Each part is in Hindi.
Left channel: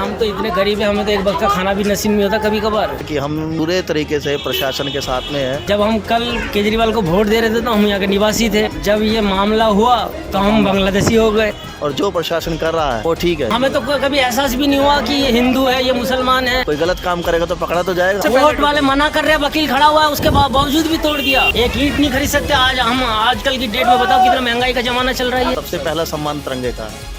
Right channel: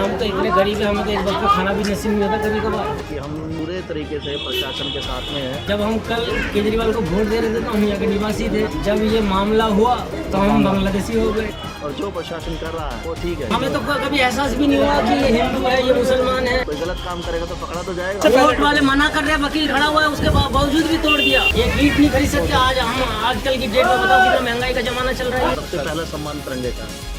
हम तो इतने गरीब हैं, हमें तो एक वक्त का खाना भी नसीब नहीं होता कभी कभार। कि हम पूरे तरीके से प्रशासन के साथ में हैं। जब हम कल केजरीवाल को वोट दे रहे थे तो हम यहाँ के निवासी थे, जब ये मामला हुआ तो हम बांग्लादेशी हो गए। और जो प्रशासन कर रहा है वो ठीक है। हमें तो कभी एहसास भी नहीं हुआ कि ये हिंदू है, ये मुसलमान है। कोई गलत काम करेगा तो पकड़ा तो जाएगा। कोर्ट वाले मना कर रहे हैं, वकील खड़ा हुआ है, उसके बावजूद भी तोड़ दिया। एक ईंट नहीं खरीद सकते आज हम। आजकल की डेट में बताओ कितना महंगाई का जमाना चल रहा है। सबसे पहला सम्मान तिरंगे का है।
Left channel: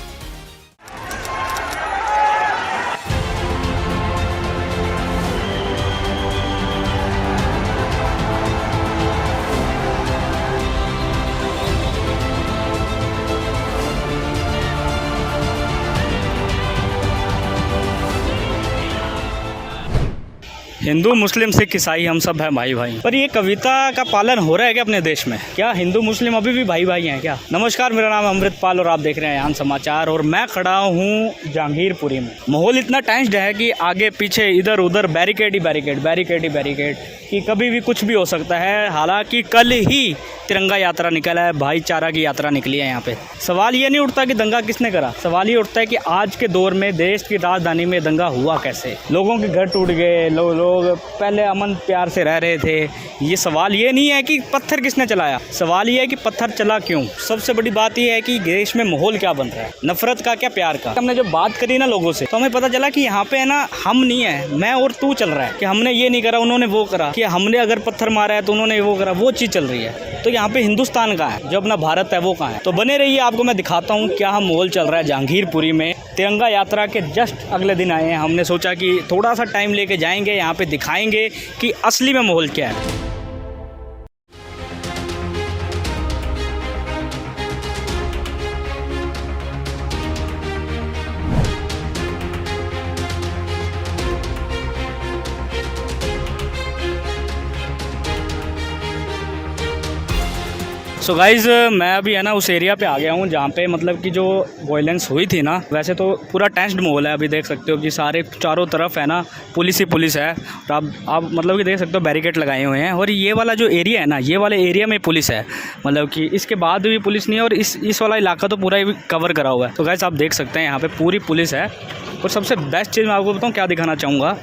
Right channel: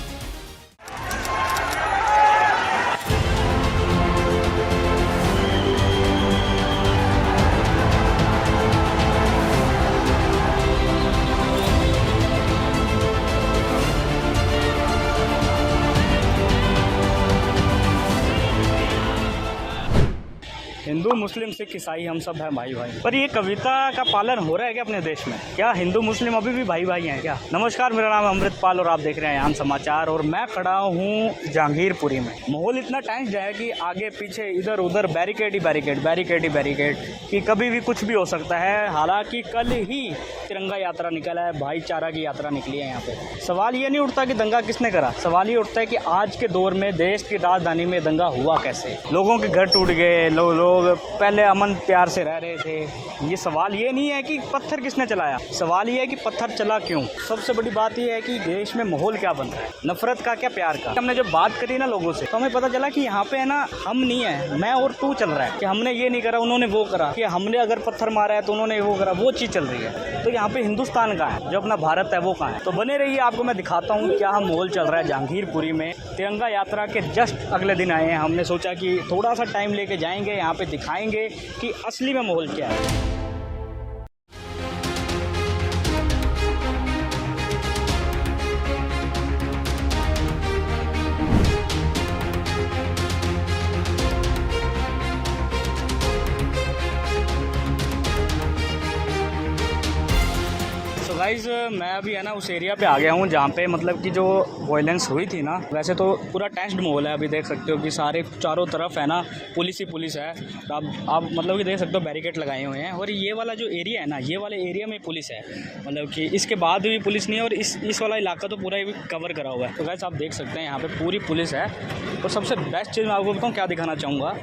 हिंदू मुस्लिम सिख ईसाई हम सब हैं भाई भाई। पर ये कविता का पालन हो रहा है क्या अपने देश में? क्या हिंदू मुस्लिम अभी भी भाई भाई हैं क्या? नमस्कार, मेरा नाम अमृतपाल और आप देख रहे हैं यान समाचार। और मैं खड़ा हूँ जहांगीरपुरी में। माहौल इतना टेंस्ड है कि आगे पीछे इधर उधर बैरिकेड ही बैरिकेड कि कभी भी कुछ भी हो सकता है। हालांकि कल ही तिरंगा यात्रा निकला है, भाईचारा की यात्रा निकली है यहाँ पे। सवाल ये नहीं उठता कि दंगा किसने करा, सवाल ये उठता है कि आज के दौर में देश की राजधानी में दंगा हुआ कैसे। लोगों के घर टूट गए, लोग पहले अमन प्यार से रह रहे थे। ये सवाल ये नहीं है कि पत्थर किसने चलाया, सवाल ये है कि पत्थर चला क्यों। सबसे बड़ी बात ये है कि देश में माहौल क्या बन रहा है, नफरत का क्या प्यार का। हमने जब बात करी ना लोगों से तो हमें पता चला कि यहाँ पे है ना हम नहीं है, मैं और तू चल रहा है। कि हमने ये नहीं करा उन्होंने वो करा, कि हमने अगर पत्थर मारा है तो उन्होंने वो करा, वो चीज़ चल रही है। तो यहाँ पे हिंदुस्तान कहाँ है, जो अपना भारत है वो कहाँ है। तो बने रहिए, आपको मैं दिखाता हूँ क्या माहौल चल रहा है जहांगीरपुरी में। तिरंगा यात्रा के जस्ट अगले दिन आए हैं। हमने सोचा कि थोड़ा सा टाइम लेके जाएंगे, यहाँ पे दिखाएंगे कि असली में माहौल क्या है। सो गाइज़, मैं अभी है ना उस एरिया पे आ गया हूँ जहाँ पे मतलब कि जो वायलेंस हुई थी ना। वैसे तो पूरा टेंस्ड माहौल है, अभी देख सकते हो कि सारे चारों तरफ है ना पुलिस ही पुलिस है। और आप मतलब कि देख सकते हो बैरिकेड लगाए हुए हैं। और ये वाला जो एरिया है ना, ये वाले एरिया में पुलिस है, मतलब कि इसके बाद भी पुलिस नहीं है। और इस वाला इलाका तो पूरा ही कवर करा हुआ है। तो गाइज़ आप देख सकते हैं यहाँ पर पूरी पुलिस है। और सबसे बेस्ट चीज़ मैं आपको बताऊँ क्या दिखाना चाहूँगा।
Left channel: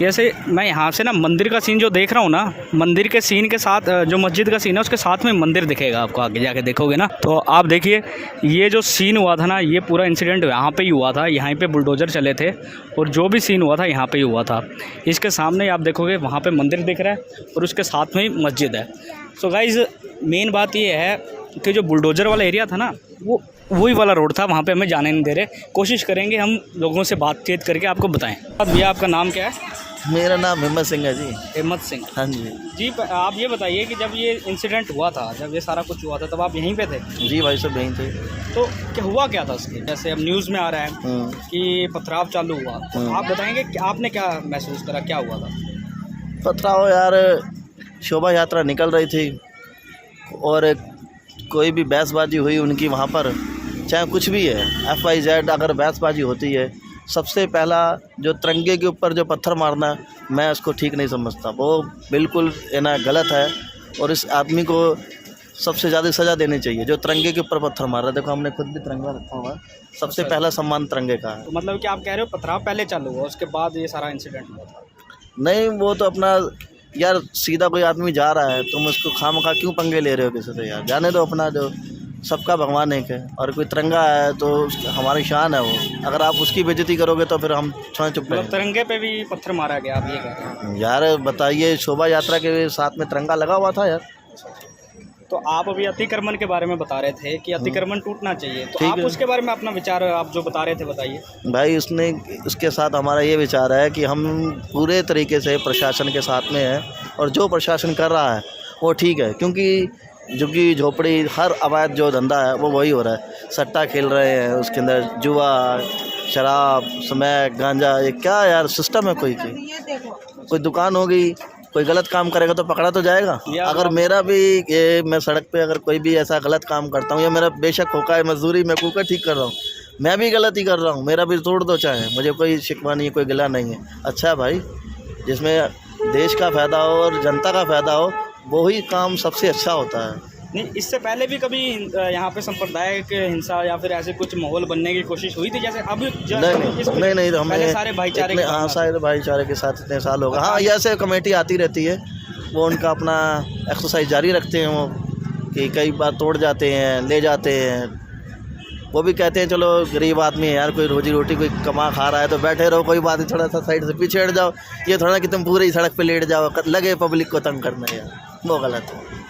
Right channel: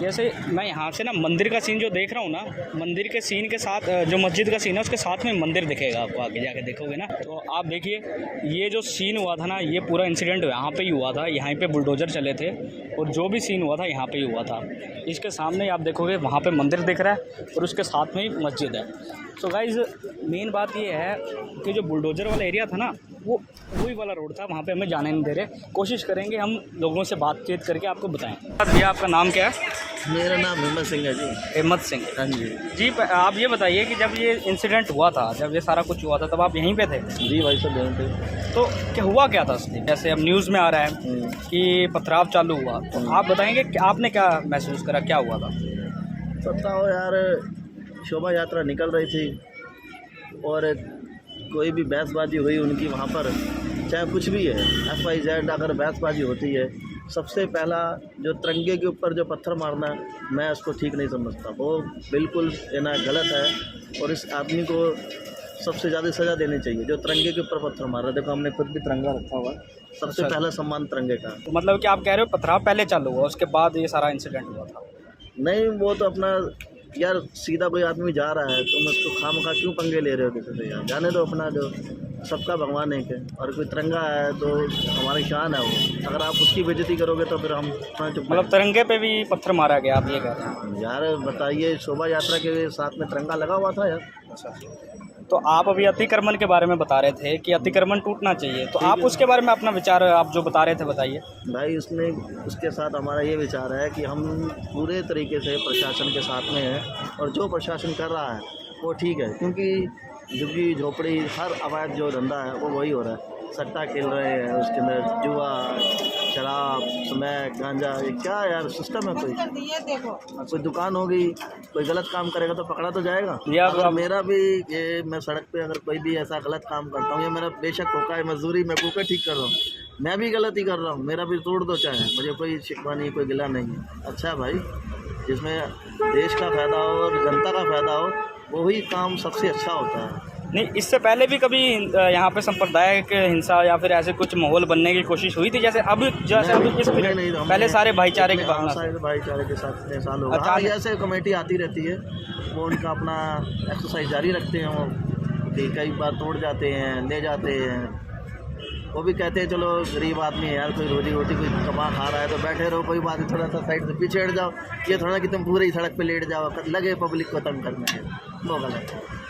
जैसे मैं यहाँ से ना मंदिर का सीन जो देख रहा हूँ ना, मंदिर के सीन के साथ जो मस्जिद का सीन है उसके साथ में मंदिर दिखेगा आपको। आगे जाके देखोगे ना तो आप देखिए, ये जो सीन हुआ था ना, ये पूरा इंसिडेंट यहाँ पे ही हुआ था। यहाँ पे बुलडोज़र चले थे और जो भी सीन हुआ था यहाँ पे ही हुआ था। इसके सामने आप देखोगे वहाँ पे मंदिर दिख रहा है और उसके साथ में ही मस्जिद है। सो गाइज़, मेन बात ये है कि जो बुलडोज़र वाला एरिया था ना, वो वही वाला रोड था, वहाँ पे हमें जाने नहीं दे रहे। कोशिश करेंगे हम लोगों से बातचीत करके आपको बताएं। भैया आपका नाम क्या है? मेरा नाम हिम्मत सिंह है जी। हिम्मत सिंह। हाँ जी। आप ये बताइए कि जब ये इंसिडेंट हुआ था, जब ये सारा कुछ हुआ था, तब आप यहीं पे थे? जी भाई, सब यहीं थे। तो क्या हुआ क्या था उसके? जैसे अब न्यूज़ में आ रहा है कि पथराव चालू हुआ, तो आप बताएंगे कि आपने क्या महसूस करा, क्या हुआ था? पथराव यार, शोभा यात्रा निकल रही थी और कोई भी बहसबाजी हुई उनकी वहाँ पर, चाहे कुछ भी है, FYZ अगर बहसबाजी होती है, सबसे पहला जो तिरंगे के ऊपर जो पत्थर मारना, मैं उसको ठीक नहीं समझता। वो बिल्कुल ना गलत है और इस आदमी को सबसे ज़्यादा सज़ा देनी चाहिए जो तिरंगे के ऊपर पत्थर मार रहा है। देखो हमने खुद भी तिरंगा रखा हुआ है। सबसे पहला सम्मान तिरंगे का है। तो मतलब कि आप कह रहे हो पथराव पहले चालू हुआ, उसके बाद ये सारा इंसिडेंट हुआ था? नहीं, वो तो अपना यार, सीधा कोई आदमी जा रहा है, तुम उसको खामखा क्यों पंगे ले रहे हो किसी से? यार जाने दो, अपना जो सबका भगवान एक है। और कोई तिरंगा है तो हमारी शान है वो। अगर आप उसकी बेइज्जती करोगे तो फिर हम चुप। मतलब तिरंगे पे भी पत्थर मारा गया, आप ये कह रहे हैं? यार बताइए, शोभा यात्रा के साथ में तिरंगा लगा हुआ था यार। तो आप अभी अतिक्रमण के बारे में बता रहे थे कि अतिक्रमण टूटना चाहिए, तो आप उसके बारे में अपना विचार आप जो बता रहे थे बताइए। भाई उसके साथ हमारा ये विचार है कि हम पूरे तरीके से प्रशासन के साथ में हैं और जो प्रशासन कर रहा है वो ठीक है। क्योंकि झुग्गी झोपड़ी हर अवैध जो धंधा है वो वही हो रहा है। सट्टा खेल रहे हैं, उसके अंदर जुआ, शराब, स्मैक, गांजा, ये क्या यार सिस्टम है? कोई दुकान होगी, कोई गलत काम करेगा तो पकड़ा तो जाएगा। अगर मेरा भी ये, मैं सड़क पे अगर कोई भी ऐसा गलत काम करता हूँ, या मेरा बेशक होका है मजदूरी, मैं कुकर ठीक कर रहा हूँ, मैं भी गलत ही कर रहा हूँ, मेरा भी तोड़ दो चाहे, मुझे कोई शिकवा नहीं है, कोई गिला नहीं है। अच्छा भाई, जिसमें देश का फ़ायदा हो और जनता का फ़ायदा हो, वही काम सबसे अच्छा होता है। नहीं, इससे पहले भी कभी यहाँ पे सांप्रदायिक हिंसा या फिर ऐसे कुछ माहौल बनने की कोशिश हुई थी, जैसे अब नहीं पहले सारे भाईचारे के हाँ, सारे भाईचारे के साथ इतने साल हो गए। हाँ, ये ऐसे कमेटी आती रहती है, वो उनका अपना एक्सरसाइज जारी रखते हैं, वो कि कई बार तोड़ जाते हैं, ले जाते हैं। वो भी कहते हैं चलो गरीब आदमी है यार, कोई रोजी रोटी कोई कमा खा रहा है तो बैठे रहो, कोई बात नहीं, थोड़ा सा साइड से पीछे हट जाओ। ये थोड़ा कि तुम पूरी सड़क पे लेट जाओ, लगे पब्लिक को तंग करना है, वो गलत है।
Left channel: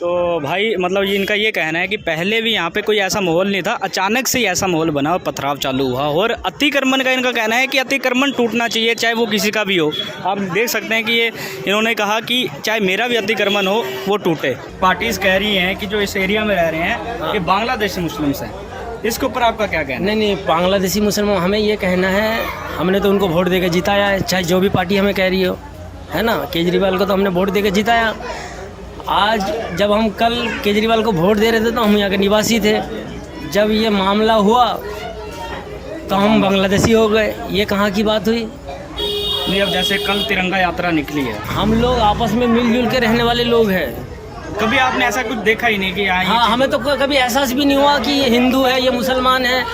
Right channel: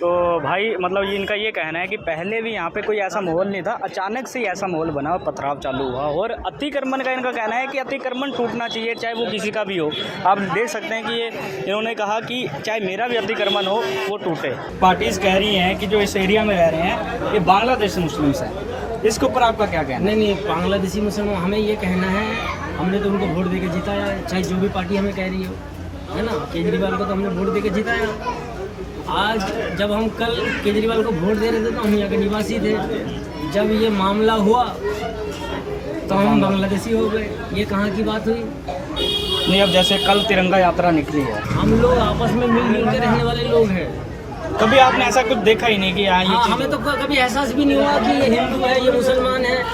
तो भाई मतलब ये इनका ये कहना है कि पहले भी यहाँ पे कोई ऐसा माहौल नहीं था, अचानक से ही ऐसा माहौल बना और पथराव चालू हुआ। और अतिक्रमण का इनका कहना है कि अतिक्रमण टूटना चाहिए, चाहे वो किसी का भी हो। आप देख सकते हैं कि ये इन्होंने कहा कि चाहे मेरा भी अतिक्रमण हो वो टूटे। पार्टीज़ कह रही हैं कि जो इस एरिया में रह रहे हैं ये बांग्लादेशी मुस्लिम्स हैं, इसके ऊपर आपका क्या कहना है? नहीं, बांग्लादेशी मुसलमान, हमें ये कहना है, हमने तो उनको वोट देकर जिताया है, चाहे जो भी पार्टी हमें कह रही हो, है ना। केजरीवाल को तो हमने वोट देकर जिताया। आज जब हम कल केजरीवाल को वोट दे रहे थे तो हम यहाँ के निवासी थे, जब ये मामला हुआ तो हम बांग्लादेशी हो गए। ये कहाँ की बात हुई? नहीं, अब जैसे कल तिरंगा यात्रा निकली है, हम लोग आपस में मिलजुल के रहने वाले लोग हैं। कभी आपने ऐसा कुछ देखा ही नहीं कि यहाँ ये चीज़ हमें तो कभी एहसास भी नहीं हुआ कि ये हिंदू है, ये मुसलमान है।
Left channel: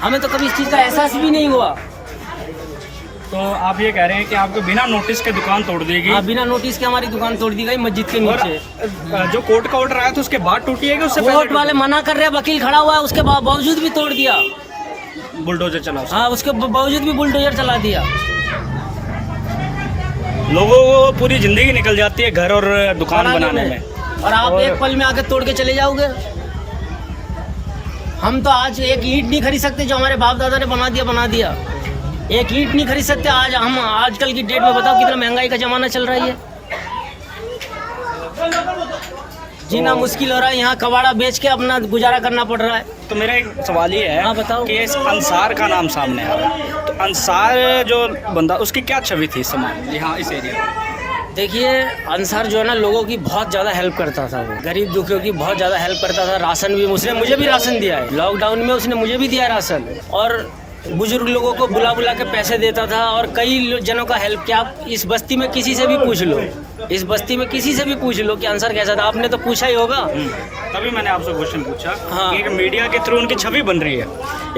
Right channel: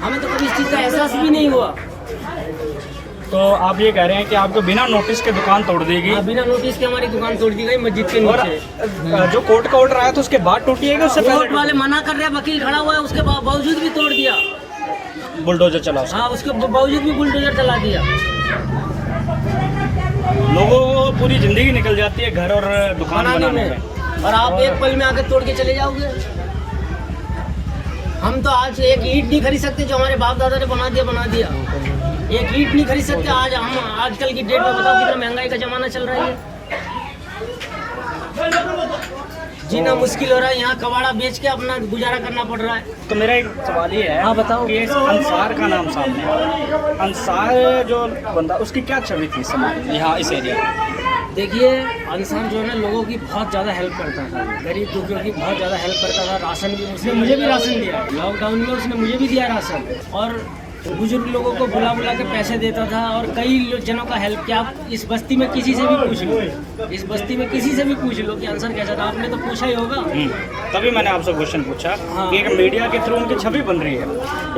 हमें तो कभी इस चीज़ का एहसास भी नहीं हुआ। तो आप ये कह रहे हैं कि आपको बिना नोटिस के दुकान तोड़ दी गई? हाँ, बिना नोटिस के हमारी दुकान तोड़ दी गई मस्जिद के नीचे। जो कोर्ट का ऑर्डर आया था उसके बाद टूटी है कि उससे पहले? कोर्ट वाले मना कर रहे हैं, वकील खड़ा हुआ है, उसके बावजूद भी तोड़ दिया। बुलडोजर चला उसका? हाँ, उसके बावजूद भी बुलडोजर चला दिया। लोगों को पूरी जिंदगी निकल जाती है घर और दुकान बनाने में, और आप एक पल में आकर तोड़ के चले जाओगे। हम तो आज एक ईंट नहीं खरीद सकते, जो हमारे बाप दादा ने बना दिया। एक ईंट नहीं खरीद सकते आज हम। आजकल की डेट में बताओ कितना महंगाई का जमाना चल रहा है। जीना मुश्किल हो रहा है, यहाँ कबाड़ा बेच के अपना गुजारा करना पड़ रहा है। तो मेरा एक सवाल ये है, हाँ बताओ, कि इस अंसार का नाम सामने आया, तो अंसार जो बंदा, उसकी क्या छवि थी समाज यहाँ इस एरिया में? देखिए, अंसार जो है ना, लोगों की बहुत ज़्यादा हेल्प करता था, गरीब दुखियों की बहुत ज़्यादा हेल्प करता था। राशन भी उसने मुझे भी राशन दिया है, लॉकडाउन में उसने मुझे भी दिया है राशन। और बुजुर्ग लोगों को बुला के पैसे देता था, और कई जनों का हेल्प किया। आप इस बस्ती में किसी से भी पूछ लो, इस बस्ती में किसी से भी पूछ लो कि अंसार कैसा था। आपने तो पूछा ही होगा। तभी मैंने आपसे क्वेश्चन पूछा। हाँ। कि एक मीडिया के थ्रू उनकी छवि बन रही है,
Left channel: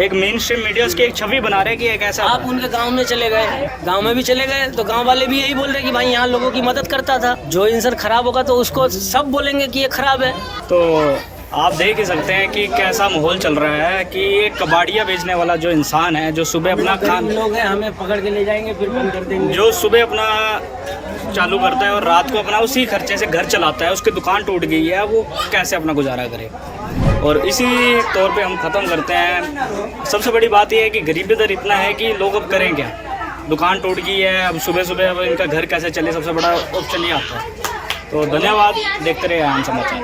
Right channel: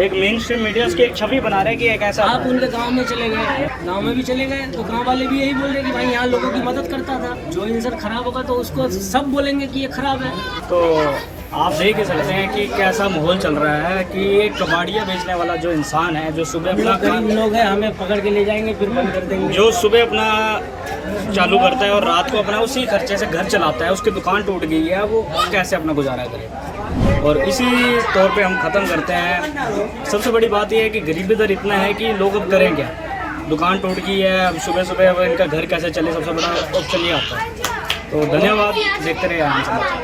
एक मेन स्ट्रीम मीडिया उसकी एक छवि बना रहे हैं कि एक ऐसा। आप उनके गांव में चले गए, गांव में भी चले गए तो गांव वाले भी यही बोल रहे कि भाई यहाँ लोगों की मदद करता था। जो इंसान खराब होगा तो उसको सब बोलेंगे कि ये खराब है। तो आप देख ही सकते हैं कि कैसा माहौल चल रहा है कि ये कबाड़िया बेचने वाला जो इंसान है, जो सुबह अपना लोग हैं, हमें पकड़ के ले जाएंगे फिर बंद कर देंगे। जो सुबह अपना चालू करता है और रात को अपना उसी खर्चे से घर चलाता है, उसकी दुकान टूट गई है, वो कैसे अपना गुजारा करे। और इसी तौर पे हम ख़त्म करते हैं। सबसे बड़ी बात यह है कि गरीबी दर इतना है कि लोग अब करें क्या? दुकान टूट गई है, अब सुबह अब इनका घर कैसे चले, सबसे बड़ा ऑप्शन ये आता है। तो धन्यवाद, देखते रहिए आन समाचार।